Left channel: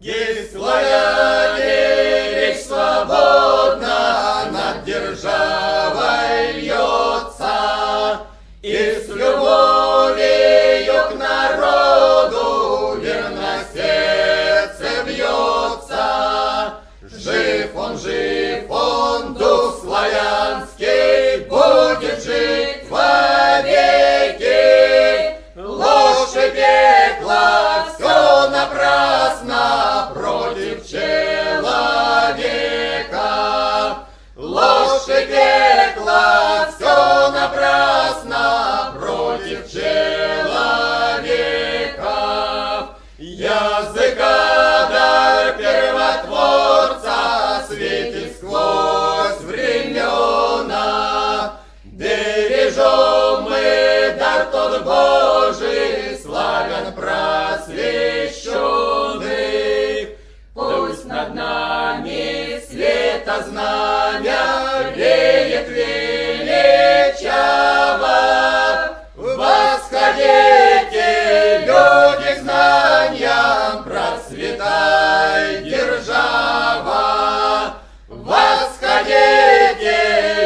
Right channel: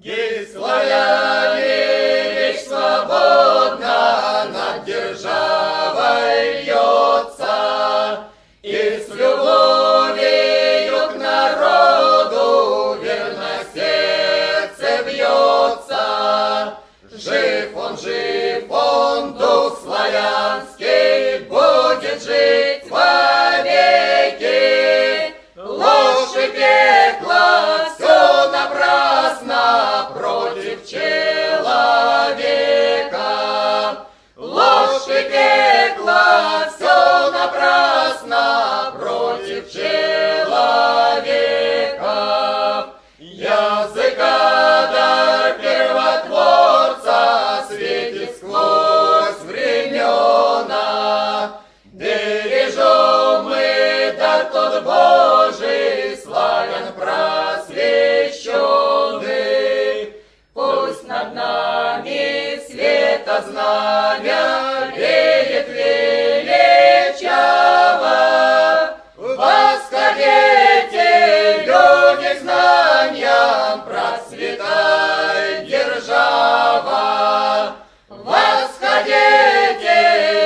Гей, славяне, речь свободна над державой льется, и с любовью к народу верно сердце бьется. Жив он, дух славянский, будет жить вовеки. Ложь и пекло, все напрасно против человека. Ложь и пекло, все напрасно против человека. Языка дар первотворца светит сквозь времена. Бережем мы дар тот Божий, славян просвещенный. Пусть над нами света знамя веет величаво. Восходите, люди, к знаниям, процветай держава. Восходите,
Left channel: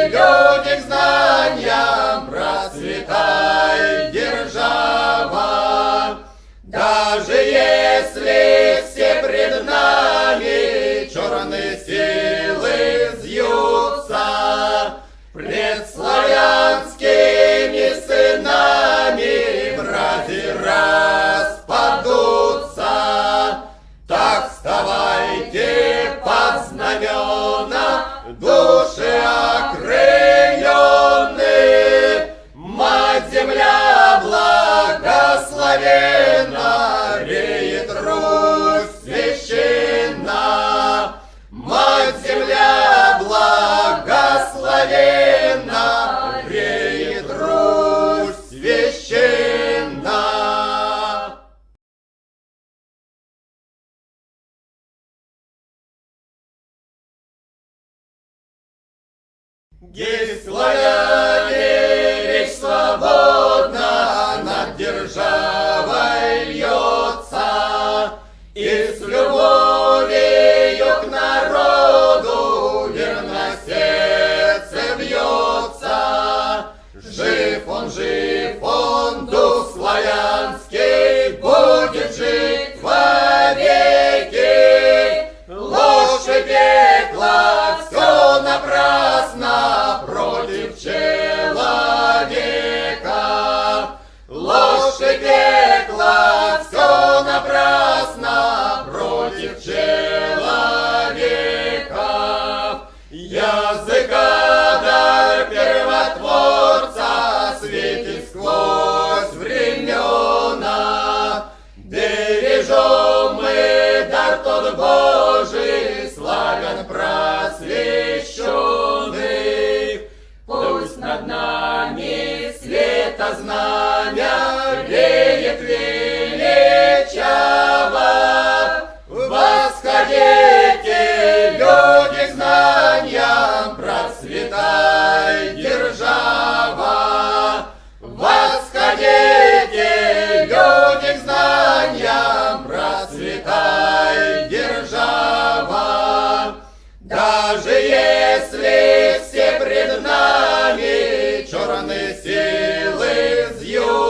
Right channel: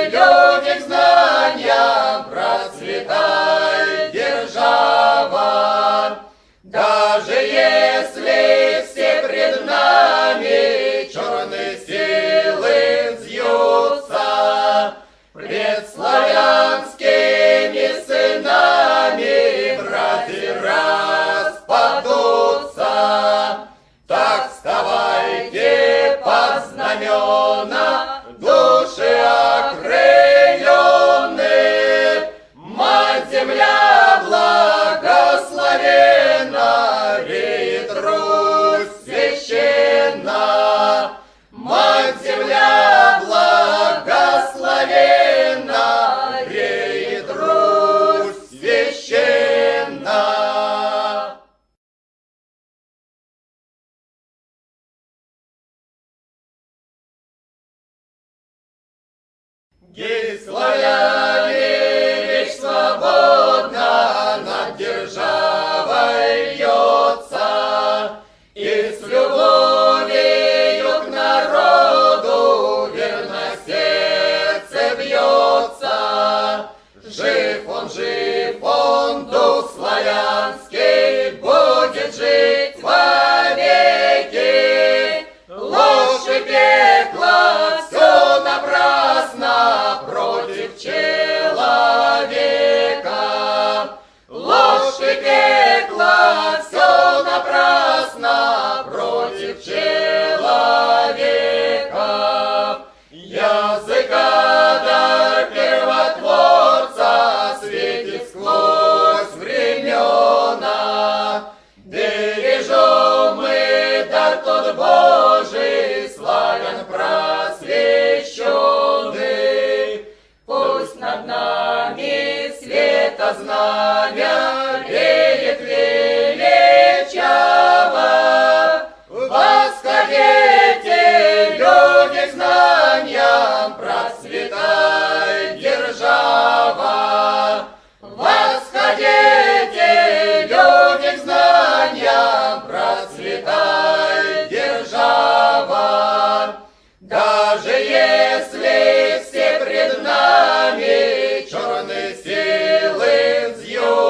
люди, к знаниям, процветай держава. Даже если все пред нами черные силы взъются, пред славянскими сынами мрази распадутся, так вставайте под знамена, души окрыленные. Мать земля благословенна, реет Русь священна. Мать земля благословенна, реет Русь священна. Гей, славяне, речь свободна над державой льется, и с любовью к народу верно сердце бьется. Жив он, дух славянский, будет жить вовеки. Ложь и пекло, все напрасно против человека. Ложь и пекло, все напрасно против человека. Языка дар первотворца светит сквозь времена. Бережем мы дар тот Божий, славян просвещенный. Пусть над нами света знамя веет величаво. Восходите, люди, к знаниям, процветай держава. Восходите, люди, к знаниям, процветай держава. Даже если все пред нами черные силы взъют,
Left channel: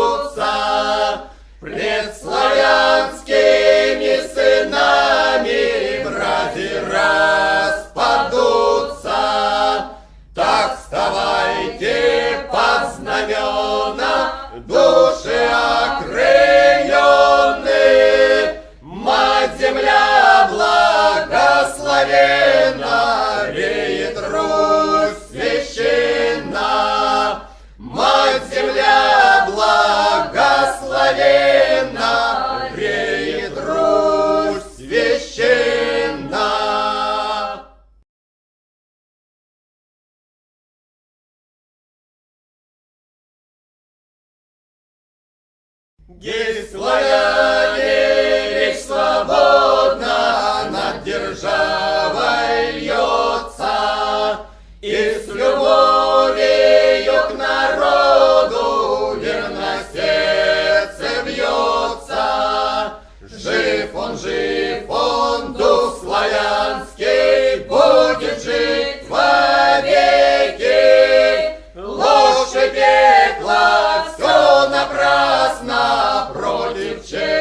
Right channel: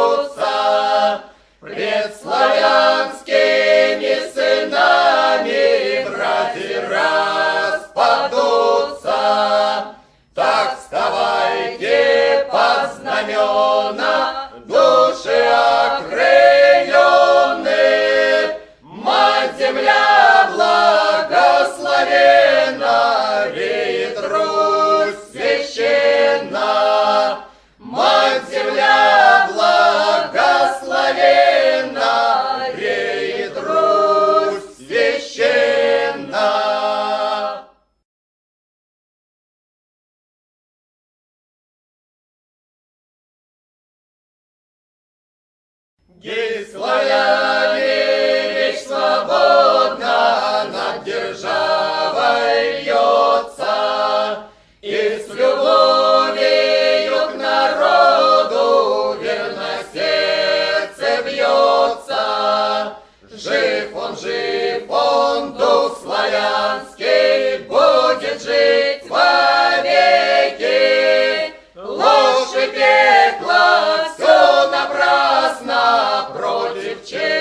напрасно против человека.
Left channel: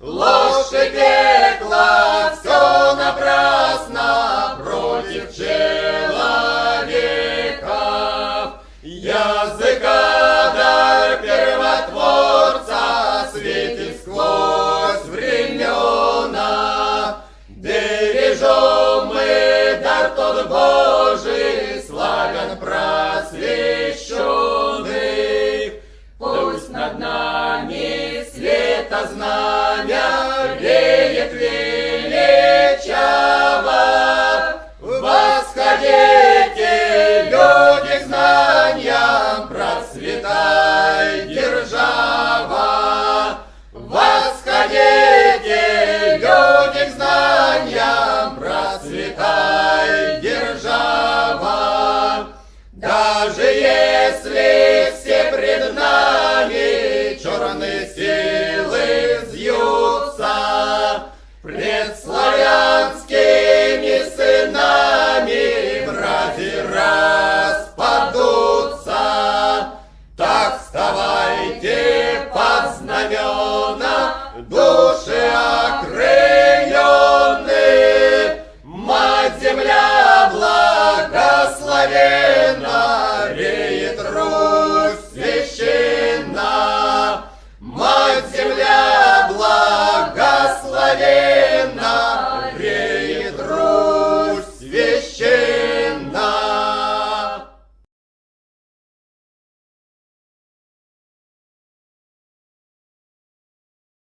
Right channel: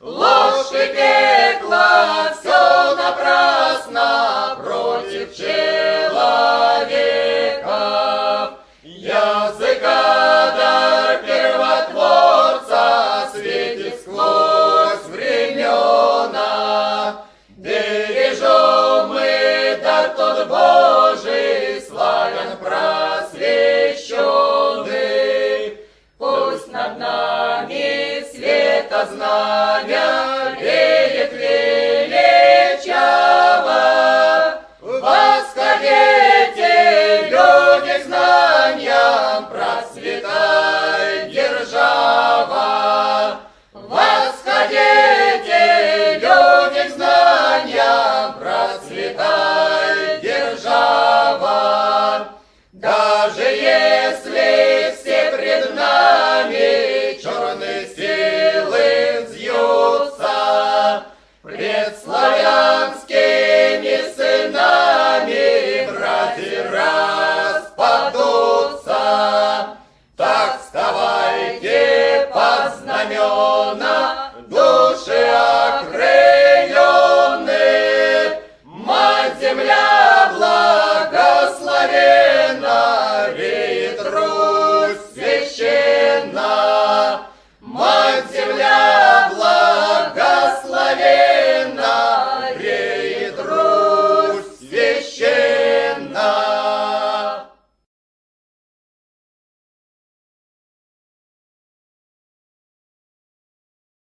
Ложь и пекло, все напрасно против человека. Языка дар первотворца светит сквозь времена. Бережем мы дар тот Божий, славен просвещенный. Пусть над нами света знамя веет величаво. Восходите, люди, к знаниям, процветай держава. Восходите, люди, к знаниям, процветай держава. Даже если все пред нами черный север,